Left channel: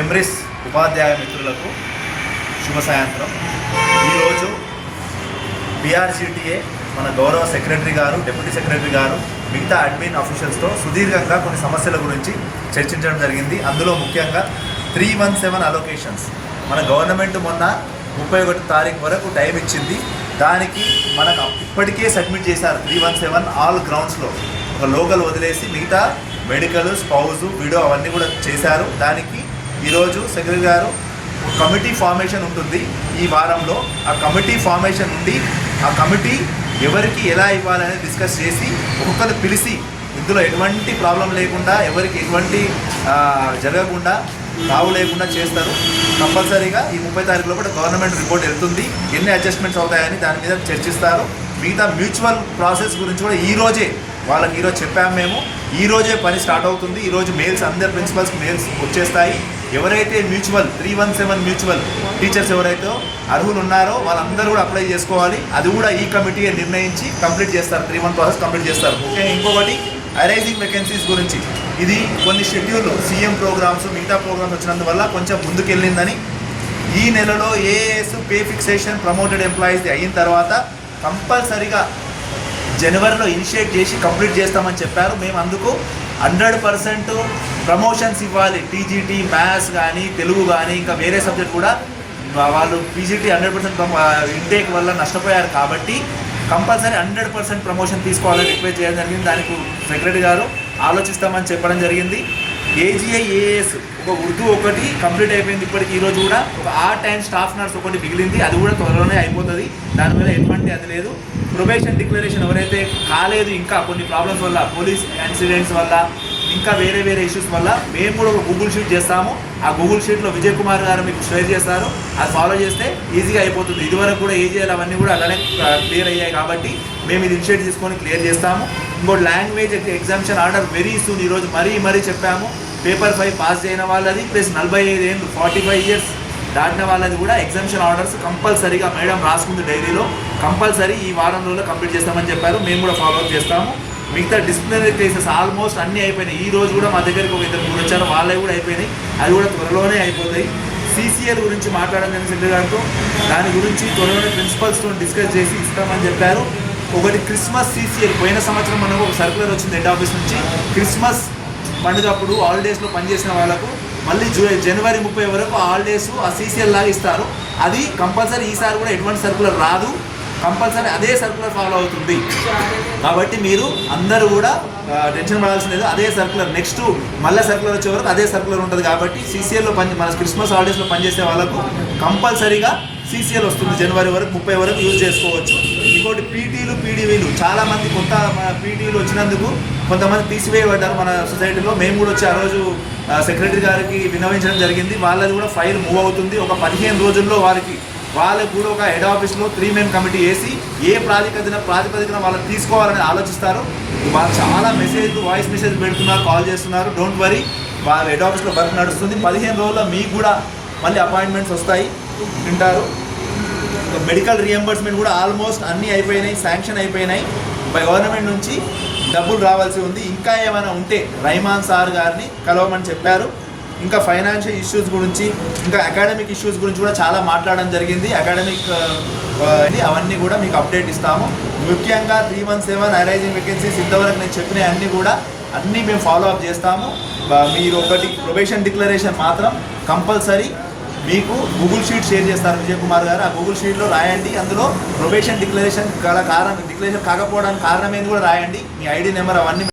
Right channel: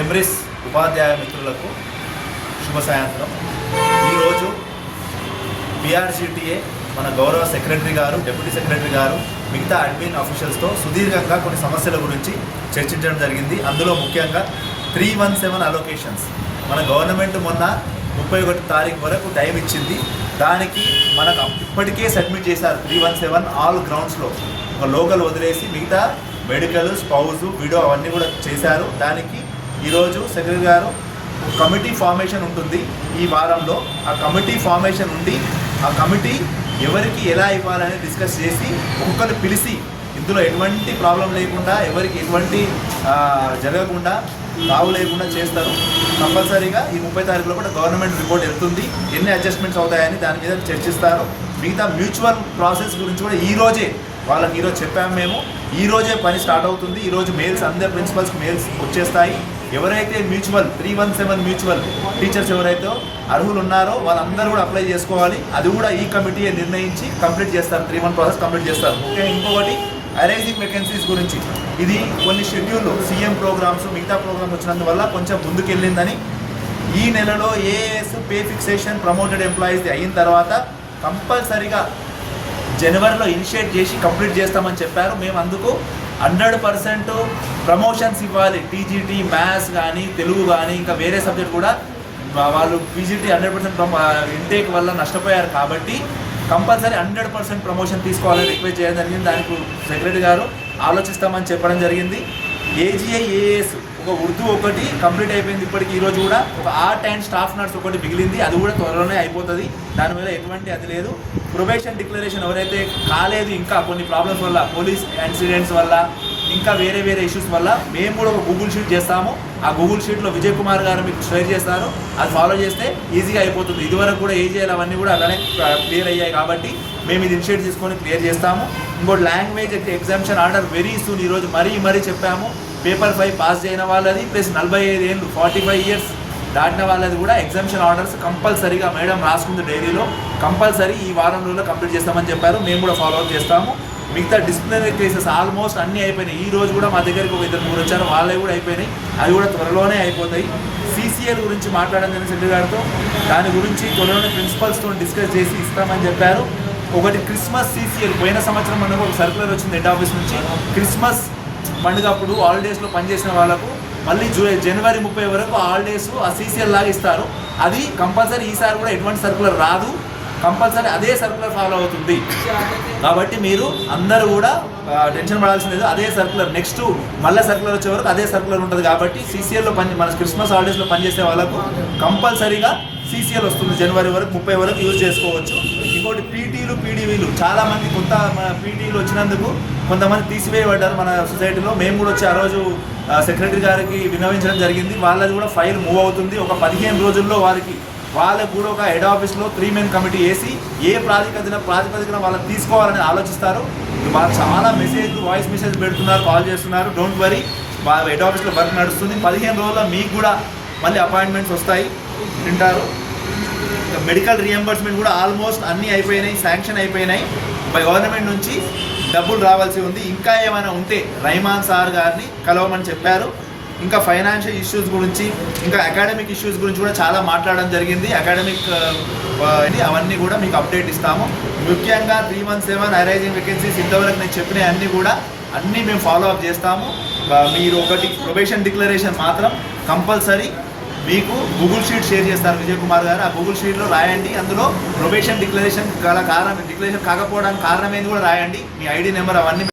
ఎంబ్రిస్ ఉపాధ్యాయ మిత్రులకు శుభ సాయంత్రం. ఈరోజు బీఆర్సీటీఏ మన గౌరవ సెక్రటరీ గారు డిప్యూటీ సెక్రటరీ గారు మిగతా అడ్మిన్ ఆఫీషియల్స్తో సుదీర్ఘంగా కొన్ని సమస్యల గురించి చర్చించడం జరిగింది. అందులో ముఖ్యంగా త్రీ వన్ సెవెన్ అలొకేషన్స్ మన గవర్నమెంట్ మొన్న ముప్పై ఒకటి తారీఖు వరకు టైం ఇచ్చింది. దానికి మనకు ఇప్పటికే సబ్మిట్ చేశారు త్రీ వన్ సెవెన్ ఆల్ గ్రౌండ్స్లో ఒక లోకల్ వదిలేసి మిగతా మెడికల్ స్పౌజు వీడియో అవన్నీ కూడా చేశారు. దానికి ఈరోజు సెక్రటరీ గారు కమిటీ ఫార్మేషన్ ఉంటుంది. ఈ వారంలో ఆ కమిటీ ఫార్మేషన్ ఉంది ఆ కమిటీ ఎవరికి ఎలా ఇవ్వాలనేది డిస్కస్ చేసి ఒక్కొక్కరిని పిలిచి ఇందులో ఎటువంటి ప్రాబ్లం లేకుండా ఎవరికి ఎటువంటి జరగకుండా తావు లేకుండా చేస్తారు. కంపల్సరీగా ఈ ముప్పై తారీఖులో కూడా గవర్నమెంట్ రిపోర్ట్ వెళ్తుంది. ఎన్ని అడ్జస్ట్మెంట్స్ అవుతాయని దాని మీద చర్చిస్తారు. మిగతా మ్యూచువల్ ప్రాసెస్ గురించి కూడా ఈ రోజే వాళ్ళకి ఈరోజు చెప్పాము మేము. ఈ రోజే పని స్టార్ట్ అవుతుంది. ఈరోజు మెయిల్స్ అందరి ప్రిన్సిపల్స్కి మెయిల్స్ వచ్చేస్తాయి. ఎవరైతే mutual three one seven mutual teachers ఎవరైతే అర్హులు ఉన్నారో వాళ్ళందరూ కూడా అప్లై చేసుకోవాలి. అది కూడా ఈ కమిటీ నిర్ణయించి కంప్లీట్ చేస్తారు. త్రీ వన్ ప్రాసెస్ కంప్లీట్ చేస్తారు. ముఖ్యంగా ఇంకొకటి అరైజింగ్ వేకెన్సీస్ గురించి. ఇది కొన్ని షెడ్యూల్ సీఎం ప్రోగ్రామ్స్ మిగతా ప్రోగ్రామ్స్ వచ్చినందువల్ల కొంచెం ముందుకెళ్ళిందని. ఈ నెలలో AS pay fixation promoted employees అయిన తర్వాత కంపల్సరిగా జనవరిలో ఇనిషియేట్ చేసి కంప్లీట్ చేస్తామని చెప్పారు. మేము అందుకు హండ్రెడ్ పర్సెంట్ ప్రమోషన్స్ ఇవ్వాలి. టీజీటీ మ్యాథ్స్ కానీ తెలుగు కానీ ఇంకా వేరే సబ్జెక్ట్ కూడా వాళ్ళు పీజీటీ హండ్రెడ్ పర్సెంట్ ఇంటేక్ వల్ల నష్టపోయారు కాబట్టి కంపల్సరీ హండ్రెడ్ పర్సెంట్ ప్రమోషన్ తీసుకోవాలని రిక్వెస్ట్ చేయడం జరిగింది. దానికి సెక్రటరీ గారు ఆలోచిస్తామని చెప్పడం జరిగింది. ఏజీఐఏఎస్ ఒక ఉర్దూ ఒకటి కంప్లీట్ అయిపోయింది ఇప్పటికి. ఈ రోజు కూడా ఒక ఆర్ట్ అండ్ స్టాఫ్ నర్స్ ఒకటి మిగిలింది. అది కూడా త్వరలోనే అయిపోతుంది. దాని మీద ఎటువంటి అది లేదు. ప్రొబేషన్ డిక్లరేషన్ ఎవరైతే కాలేదు ఇంకా కొన్ని ప్రాబ్లమ్స్ వల్ల పోలీస్ యాక్సిడెంట్స్ వల్ల ఇంకా వేరే వేరే ఇష్యూస్ వల్ల మేము కూడా ఒక గూగుల్ షీట్ చేస్తాము. ఆ గూగుల్ షీట్లో విజయ్ కుమార్ గారు మీకు షేర్ చేస్తారు. అది ఫాలో చేస్తే ఈజీగా అయిపోతుంది. ఇదివరకు కూడా ఏజీఎల్ అవన్నీ కూడా అలానే క్లియర్ అయ్యాయి కాబట్టి మేము ఇది ఇనిషియేట్ తీసుకొని క్లియర్ చేస్తాము. ఇంకోటి language exemption order very soon ఈరోజు మరీ మరీ చెప్పాము. పేపర్ ఫైవ్ పాస్ చేయని వాళ్ళది ప్లస్ నలభై ఐదు ఏళ్ళు ఫార్టీ ఫైవ్ ఇయర్స్ దాటిన వాళ్ళది కూడా ఎగ్జామ్షన్ ఆర్డర్స్ కంపల్సరీగా మేడం రాసుకుంది డైరీలో కంపల్సరీ ఈ వారం రోజుల్లో కంప్లీట్ చేస్తామని చెప్పారు. మేము కూడా ఫాలో అప్ చేస్తాము. మిగతా డిసిప్లినరీ కేసెస్ ఆల్మోస్ట్ అన్నీ అయిపోయినాయి. ఈ రోజు కూడా మా దగ్గరికి ఒక ఇద్దరు మూడు వచ్చారు. వాళ్ళే కూడా అయిపోయినాయి. అవి కూడా త్వరలోనే అయిపోతాయి. సీసీఎల్ గురించి మాట్లాడడం జరిగింది గారితో. దాని గురించి త్వరలోనే ప్రిన్సిపల్స్తో డిస్కస్ చేసి ఇస్తామని చెప్పారు. ఒకటి క్రిస్మస్ సీసీఎల్ పోయిన సంవత్సరం మనకు ఒక సర్కులర్ వచ్చింది హెడ్ ఆఫీస్ నుంచి. క్రిస్మస్ పండుగప్పుడు హాలిడేస్లో పనిచేసిన వాళ్ళకు మళ్ళీ జూ జనవరి ముప్పై వరకు హాలిడేస్ ఆ సీసీఎల్ లాగా ఇస్తారు. అది కంపల్సరీ ఈసారి కూడా ఎటువంటి సర్కులర్ రాదు. కంపల్సరీ అదే సర్కులర్ ఫాలో అవుతుంది. కాబట్టి మీరు అందరూ కూడా టెన్షన్ పడాల్సింది అదే సర్కులర్ నెక్స్ట్ మళ్ళీ సర్కులర్ వచ్చే వరకు అదే సర్కులర్ ఉంటుంది కాబట్టి సీసీఎల్లో పని మన క్రిస్మస్ హాలిడేస్లో పనిచేసే వాళ్ళకు కంపల్సరీగా సీసీఎల్ వస్తుంది. జనవరి వరకు ముప్పై వరకు యూజ్ చేసుకోవచ్చు. ఇంకోటి పీటీలు పీడీవీలు చాలామంది మంది కొత్త పీటీలు వచ్చినందుకు కొంతమంది తీసివేయబడ్డారు మన సొసైటీలో. మేము కూడా వచ్చి ఆ రోజు సెక్రటరీ గారికి విన్నవించడం జరిగింది. వాళ్ళది కూడా ఫైల్ మూవ్ అవుతుంది. ఒక పదిహేను రోజుల్లో వారికి వాళ్ళకు కూడా ఒక హెడ్ ఆఫీస్లో త్రీ మెన్ కమిటీ వేసి ఏ ప్రాతిపదికన ప్రాతిపదికన వాళ్ళు తీసుకోవాలని ఆలోచిస్తారు. వాళ్ళు చాలా మెసేజ్ వాయిస్ మెసేజ్ పెడుతున్నారు కాల్ చేస్తున్నారు. డోంట్ వరీ వాళ్ళ హెడ్ ఆఫీస్లో వర్క్ నడుస్తుంది. పదిహేను రోజుల్లో మీకు కూడా మళ్ళీ అపాయింట్మెంట్స్ వస్తాయి. వింటారు. మెడికల్ రియంబర్స్మెంట్ కూడా ఆల్మోస్ట్ అన్నీ అయిపోయినాయి శాంక్షన్ అయిపోయినాయి. గవర్నమెంట్ నుంచి డబ్బులు రావాల్సి ఉంది. ఇంకా ఏమైనా ఉంటే రైమాన్ సార్ గారిని కలవమని చెప్పారు. ఇంకా ఫైనాన్షియల్ ఇష్యూస్ గురించి ఇంకా అకాడమిక్ ఇష్యూస్ గురించి కూడా చాలా మాట్లాడడం జరిగింది. అకాడమిక్ అని అవన్నీ కూడా మీకు అప్డేట్ ఇస్తాము. ముఖ్యంగా three one seven arising vacancies ఇంతవరకు నేను చెప్పిన అన్నీ కూడా అన్నీ మేము ఫాలో అప్ చేస్తాము. మీరు ఒకటి ప్రొబేషన్ డిక్లరేషన్ మాత్రం కంపల్సరీ మీకు గూగుల్ షీట్ షేర్ చేస్తారు విజయ్ కుమార్ గారు. ఆ గూగుల్ షీట్లో రాయండి. అందులో ప్రొబేషన్ డిక్లరేషన్ గల కారణం డిక్లరేషన్ కాకపోవడానికి కారణం ఏంది కూడా రాయండి. మీ ఐడి నెంబర్ అవన్నీ